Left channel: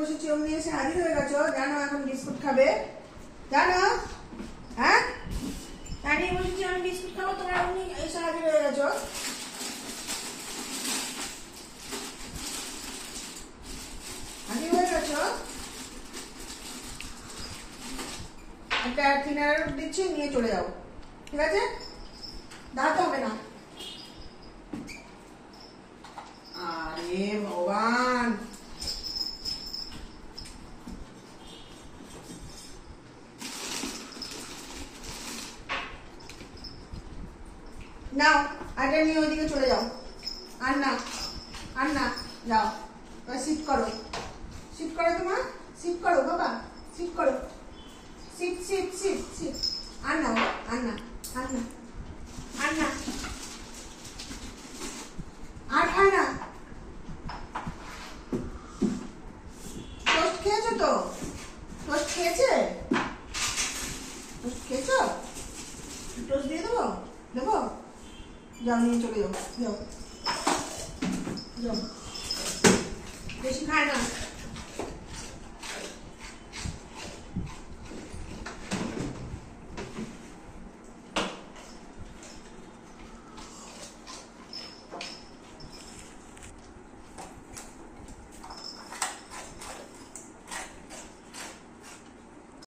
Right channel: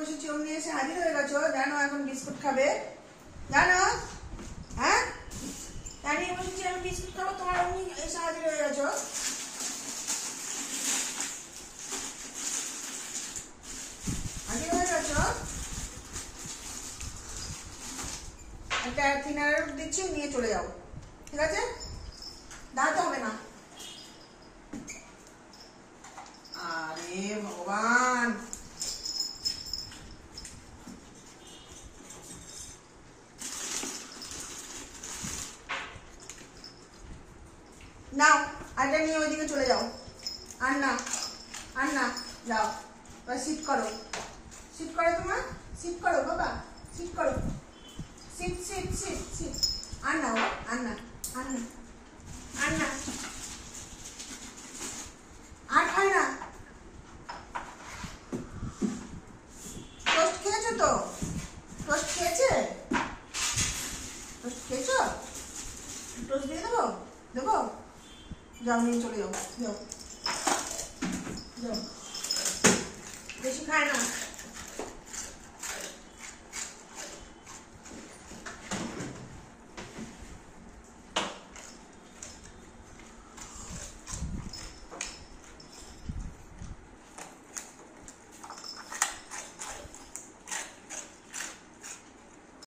বসেছি অমনি এসে হাজির হয়ে গেছো। জানো এখন বিস্কুট খাবে, জানো? হ্যাঁ, দাঁড়িয়ে বসেছি আমি বিস্কুট খাবো, তোমার অমনি এসে হাজির হয়ে গেছো। হাজির হয়ে গেছো। একটা থিনার দিচ্ছি, নিয়ে চলে যাও, ঠিক আছে? দাঁড়াতে হবে না। আরে ভগবান, নাও আটা নিয়ে ওইদিকে চলে যাও। আর না, আর না, যাও সিট করো, সিট করো, তোমার সিট করো বাবা, সিট করো, সিট সিট সিট সিট। আর না, আর না, আর না, আর না, আর খায় না। টোস্ট খেয়েছো তো? টোস্ট খেয়েছে? টোস্ট খেয়েছো? টোস্ট দিয়ে দেবো, দেবো? যাও নিয়ে চলে যাও, যাও যাও, বেশি খায় না।